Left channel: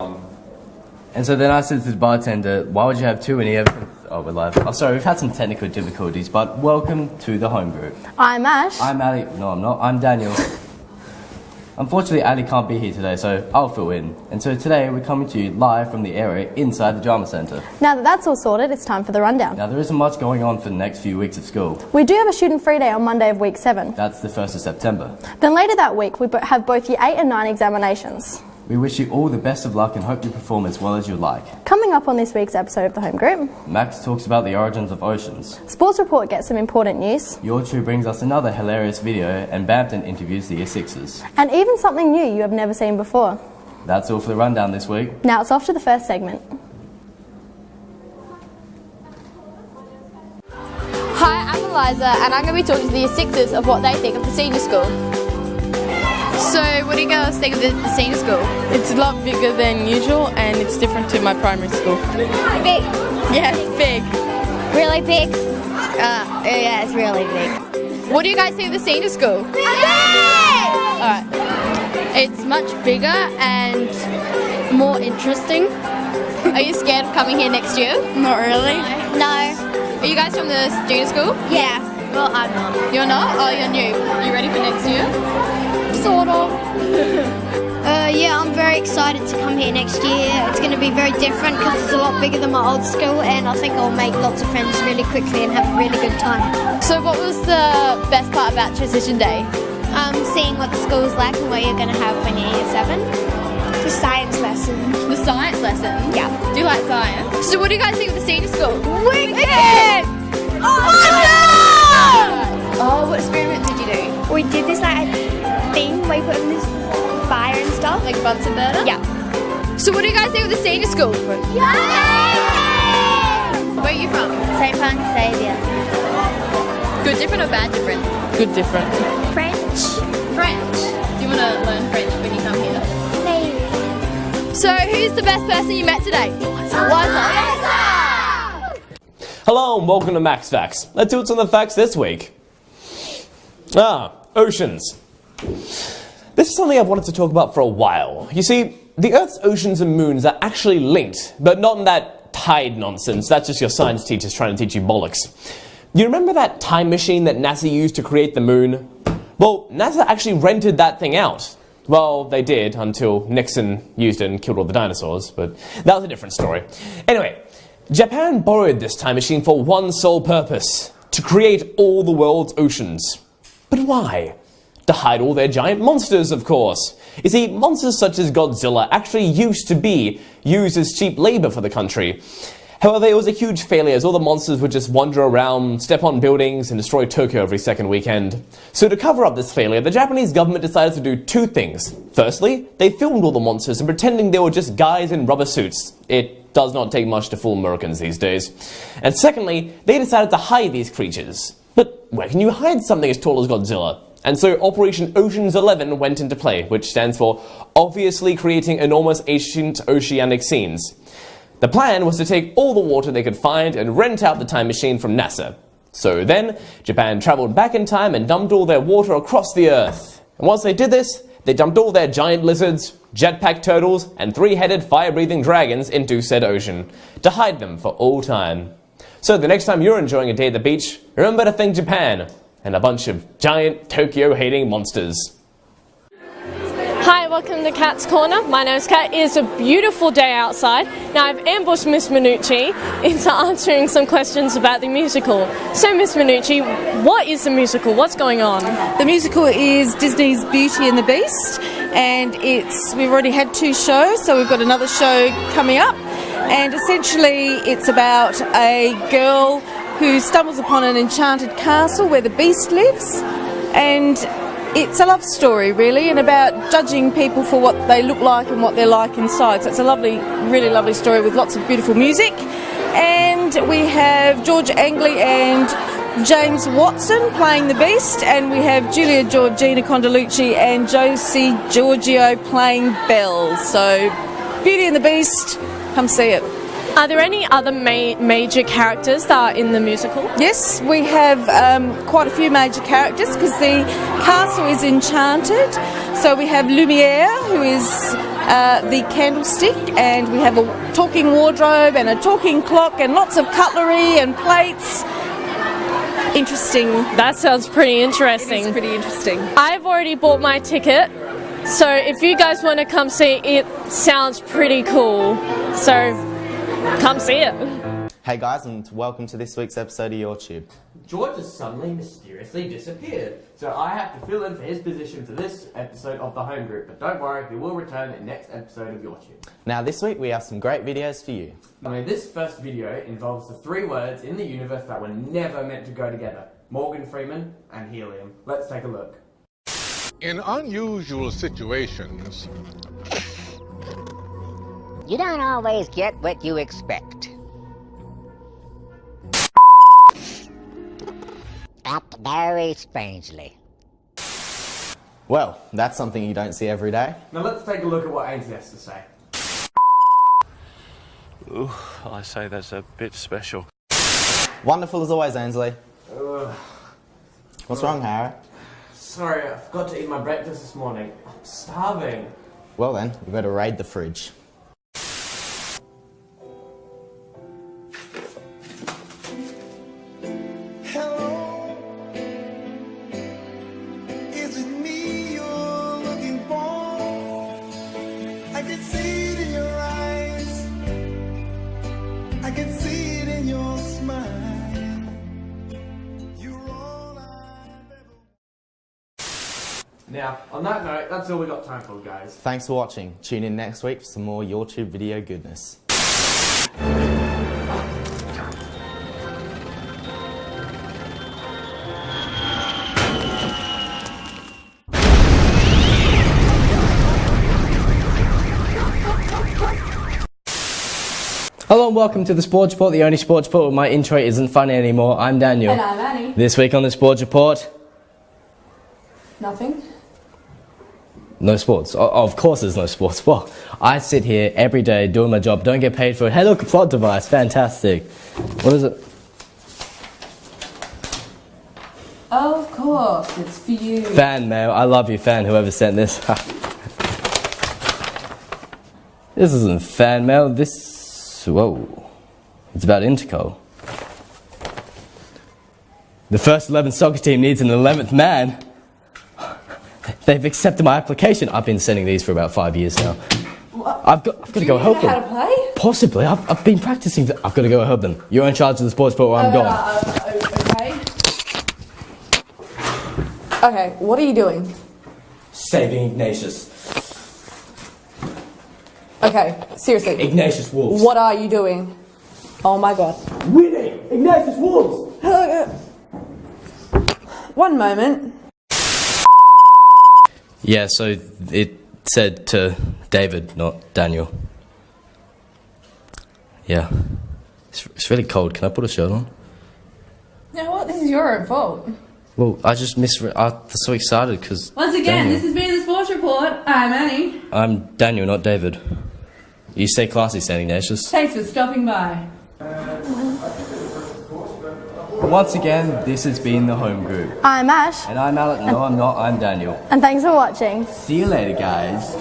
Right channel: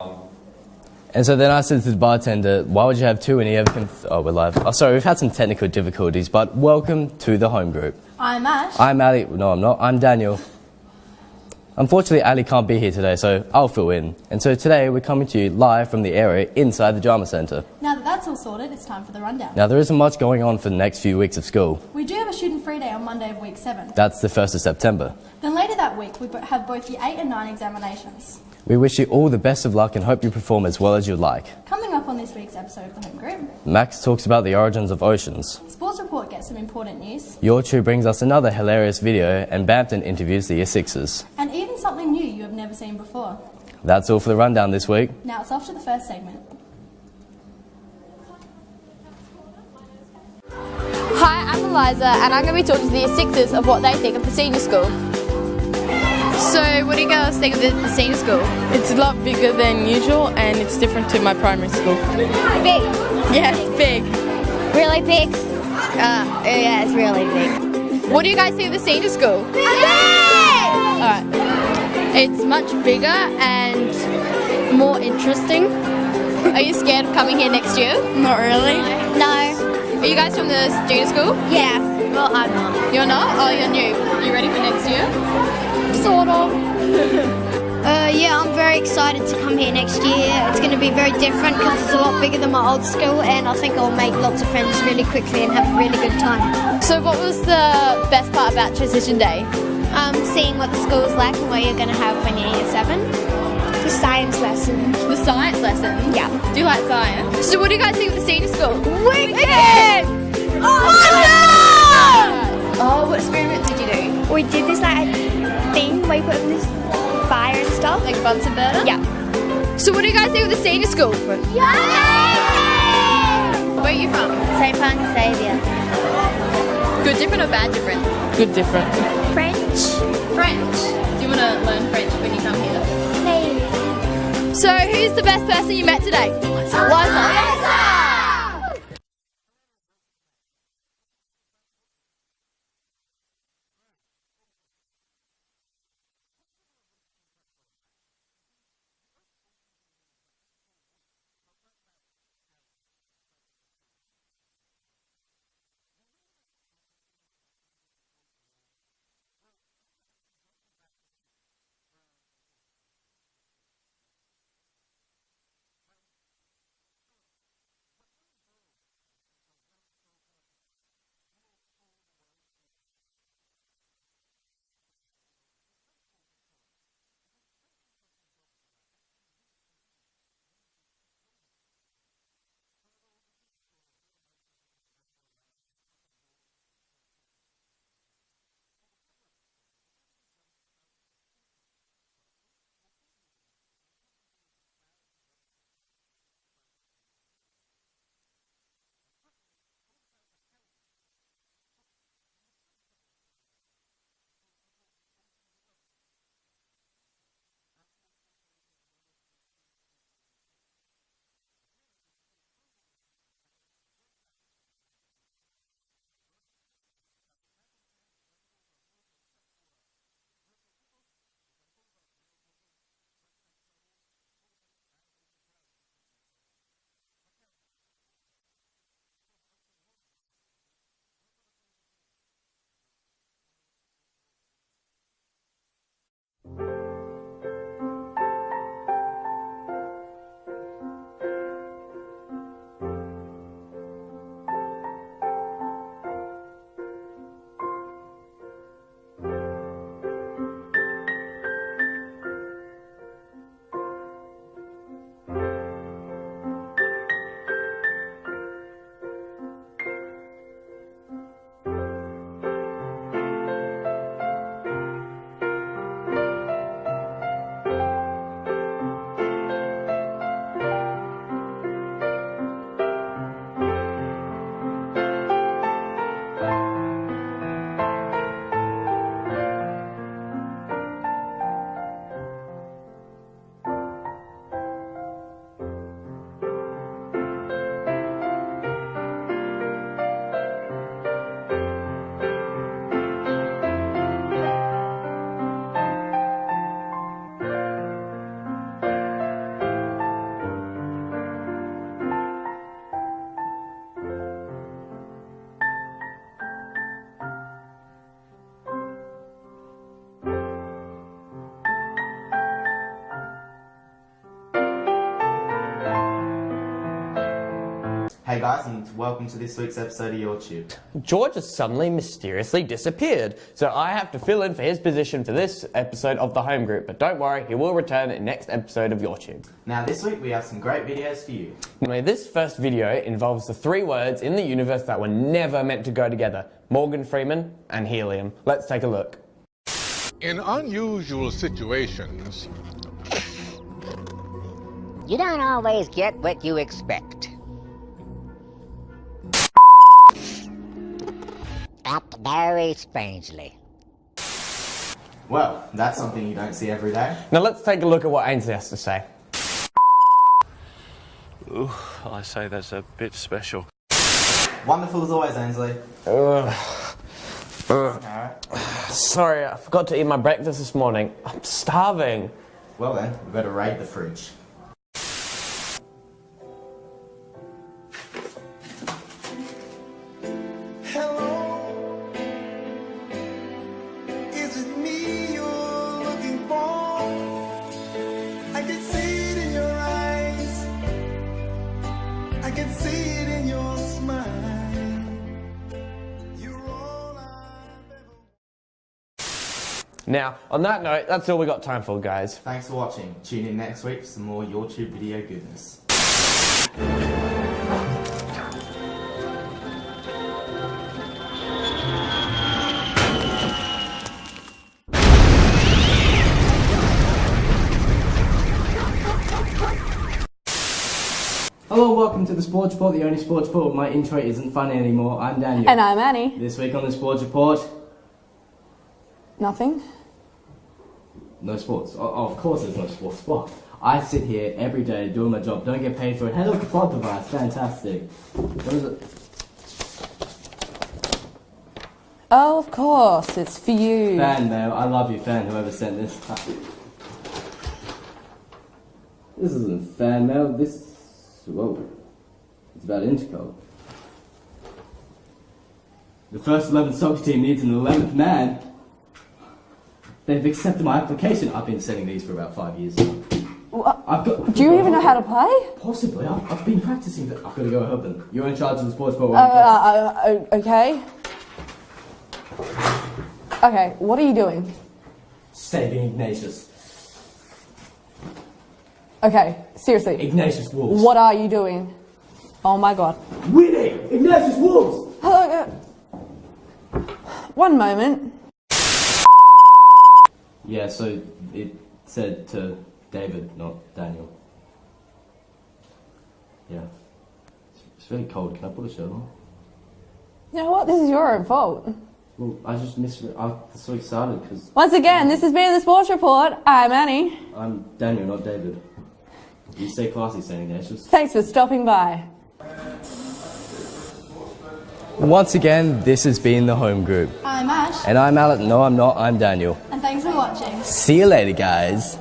And so then I said to the bartender, why would you have two when you have... Oh, we're live. Oh, sorry, we've had some technical difficulties, but welcome to the Home Group. I'm Ash. I'm Ali. No, I'm not. I'm Daniel. Unfortunately, Ali can't be here today, so I'll fill in. And so today we're coming to you live from the area inside the Drama Centre. Now that that's all sorted, it's time for the rundown. Now, there isn't much going on for the next few weeks of school. We do have a student free day on Monday of week 7. That's the 1st of September. Then later that week, we have both year 8 and 9 examinations. We wish you all the best of luck and hope you perform as well as you'd like. Coming up on this week's episode of the Home Group, Max talks about the origins of oceans. Sports Report gets some important news. Your Two brings us another hilarious video, and Bampton interviews the Year 6ers. And even something new you have never seen before. That's all for the rundown this week. Now it's off to the first segment. Hi, I'm Eliza and I'm going to be talking to the Year 6ers of what they think of the senior school. So, what do you guys think of the senior school? It's a lot bigger than usual and it's different to my primary school. Big? Yeah, it's big. Really big? Yeah, it's really big. What do you guys think of the senior school? Big! Alright. It's much bigger and more interesting. Are you scared of coming here next year? Not really. No. Are you guys from the junior school? Yeah. Well, I'm not. You're not? Oh, you're new. You ready for next year? Sort of. Yeah, I'm very excited to come here next year. It's going to be very different because it's a lot bigger than my old school, and I think I'll make lots of friends really quickly and have a really good time. So what was the best part about Transition Day? Seeing what the school's like and what you're going to have when you're year 7. The science lesson. The science lesson? Yeah. Do you like science? So what do you guys think of the senior school? Wicked! Oh, what experiment did you do? We did this thing where you put in this fire and stuff. Like a Bunsen burner? Yeah. So what do you guys think of the senior school? Yeah! Where are you from? St. Francis Xavier. Good different or bad different? Good different. French. French. Do you want to learn French when you come here? Maybe. So who's the best person you met today? Liza. Hello and welcome to Max Facts. Let's see what's on the facts this week. Oceans. This is something I've wanted to talk about for a while. You see, the Earth's oceans and moons are actually linked, but not in that tide nonsense. That's just your science teachers trying to teach you bollocks. You remember that time machine that NASA used to create the moon? Well, NASA actually rented that thing out. Well, they did until Nixon used it and killed all the dinosaurs, but that was a different story. Anyway, Japan borrowed this time machine for one sole purpose: to create all the world's oceans. But why? To hide all their giant monsters, of course. You see, monsters such as Godzilla actually used to be used as cheap labor for the country. However, it was a huge failure as all the monsters would just wander around, step on buildings, and destroy Tokyo every second weekend. So to cover up this failure, the Japanese government decided to do two things. Firstly, they filmed all the monsters and pretending they were just guys in rubber suits. It does not take much to fool Americans these days. And secondly, they decided to hide these creatures. But where can you hide something as tall as Godzilla? And so Operation Ocean's 11 went into play, which stands for obviously creating enormous ancient oceanic scenes. The plan was to take all the water they could find and rent out the time machine from NASA. So then, Japan traveled back in time and dumped all their water across the Earth. And once they did this, they dumped all their giant lizards, jetpack turtles, and 3-headed fire-breathing dragons into said ocean, to hide them for all time. So the next time you're enjoying a day at the beach, remember to thank Japan and a bunch of giant Tokyo-hating monsters. Hi, welcome to Kat's Corner. My name is Kat. It is a beautiful day outside. Now I've ambushed Miss Minucci into answering some questions about the musical. So Miss Minucci, what is the musical? What's going on? The musical is Disney's Beauty and the Beast, and we've already had 2 shows, so we've got another show coming up. And essentially it's about a girl who stumbles upon an enchanted castle where the Beast lives, and it's a love story really, and about judging people for what they look like and what they're like inside. So it's a lovely, really lovely story with lots of beautiful music. And we have George Angley and James Watson playing the Beast, and we have Julia Georgina Condalucci and Josie Giorgio playing Belle. So Beauty and the Beast, come see it. Are there any other major characters that are in the musical? Yes, we have quite a few major characters because the castle is enchanted. So we have Lumiere, who is the candlestick, and we have a talking wardrobe and a talking clock and lots of cutlery and plates. Interesting. That sounds pretty interesting. It's pretty interesting. I've already bought my ticket, so if you guys want to come see it, sounds pretty cool. So come see it. Hey guys, and welcome to this week's episode of Your Tube. George has suddenly mysteriously disappeared, so I have to fill in for his position for this episode of the Home Group. But don't worry, he will return in the next episode of Your Tube. Now this week we have some great videos for you. This first video involves the 3 words in the universe that were never meant to go together: Morgan Freeman and helium. Let's take a look. In unusual situations, you don't always get what you expect. Act very strangely. Well, that's something you don't see every day. Now let's take a look at what Ainsley has to say. Ooh, I say that's a bit special. Wonderful as always, Ainsley. What's wrong, Harry? Sorry, I forgot to eat my breakfast this morning. I'm starving. Well then, we better raid the fridge. I can see it in your smile. Now, on that note, that's all we got time for, guys. Thanks for watching. Tune in next week for some more Your Tube video goodness. Hello and welcome to the Sports Report, the only sports report where my intro isn't funny anymore. I'm Daniel. And I'm Annie. This week on the Sports Report, Nothing. no sports. Of course there's no sports. Well, I sit here every day doing my job, don't get paid for it. Hey look, a plot device, fantastic. What is it? Oh, of course, it's for you. Fan mail. I love you, fan, whoever sent this. This isn't fan mail, this... Whoa. It's about Interco. The first 11 soccer team needs an 11th man. They've accepted my application. I've been sending these for about 5 years now. I've got Do you even know how to play? Possibly. I've been practicing. I've got to go help them. You're in charge of the sports report where I'm going. Okay. Okay, what are you doing? Saving Ignatius. Okay, seriously. Ignatius Wolves. What are you doing? Oh my god. Winning! Ignatius Wolves! One moment. Yeah, so it said to David, not Daniel. Yeah. It's really cold. Can I put a shirt on? You know what? This is your own fault. Well, I just I was so excited because... Once again, this has been the Sports Report. I'm Annie. I'm Daniel, not David. You stay classy, St. Ignatius. Thanks for stopping by. Once again, this has been the Home Group. I'm Ash. And I'm Alec. No, I'm not. I'm Daniel. And thanks for watching. See you later, guys.